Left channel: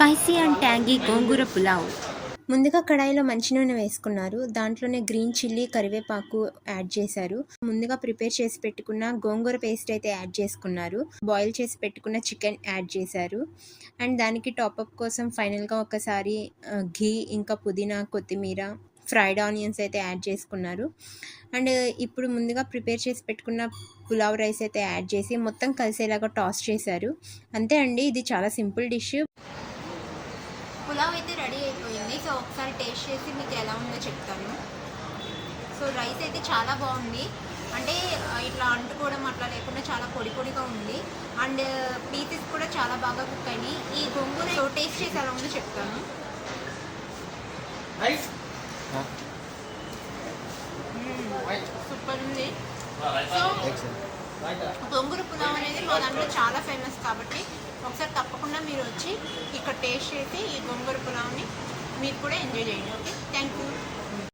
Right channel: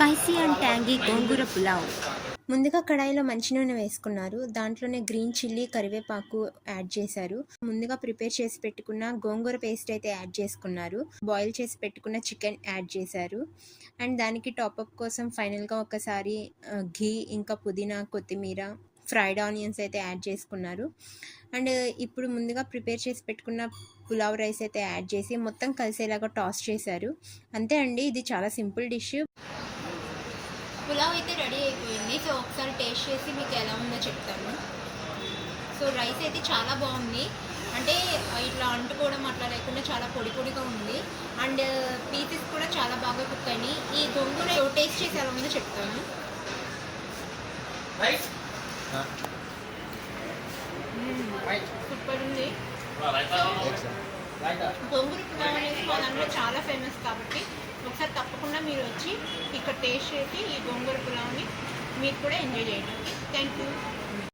Spicy and tangy గోంగూర పులావ్. ముందుగా కడాయిలో మంచి నూనె వేసుకున్నారు. దాంట్లోనే గ్రీన్ చిల్లీ, కరివేపాకు యాడ్ చేశారు. ముందుగా ప్రిపేర్ చేసి పెట్టుకున్న గోంగూర పేస్ట్ అయితే యాడ్ చేసుకున్నారు. బాయిల్ చేసి పెట్టుకున్న చికెన్ యాడ్ చేశారు. అండ్ దానికి టాపప్ కోసం ఫైనల్గా ఒకసారి ఘీ, ఇంకా పుదీనా, కొత్తిమీర, ఫ్రైడ్ ఆనియన్స్ అయితే యాడ్ చేసుకున్నారు. అండ్ ఇప్పుడు ముందుగా ప్రిపేర్ చేసి పెట్టుకున్న పులావ్ రైస్ అయితే యాడ్ చేసి మొత్తం కలిసేలాగా టాస్ చేశారు. అంతే అండి, ఇది చాలా సింపుల్ డిష్. పులావ్ అయితే రెడీ అయిపోయింది. సో ఒకసారి టేస్ట్ చేసి మీకు ఎలా ఉందో చెప్తాను. సో రైస్ అయితే చాలా బాగుంది. అంటే ఇట్లా అంటుకోవడం అట్లా లేకుండా చాలా పొడి పొడిగా ఉంది. అండ్ పీసెస్ కూడా చాలా బాగా కుక్ అయినాయి. ఈ గోంగూర టేస్ట్ చేసి ఎలా ఉందో చెప్తాను. సూపర్ ఉంది. గోంగూర పులావ్ అనేది మా దాంట్లో చాలా ఫేమస్ కాబట్టి ఒకసారి తప్పకుండా మీరు వచ్చి ఇక్కడ టేస్ట్ చేసి ఈ గోంగూర పులావ్ని మీరు కూడా ఎంజాయ్ చేయండి. Okay, thank you.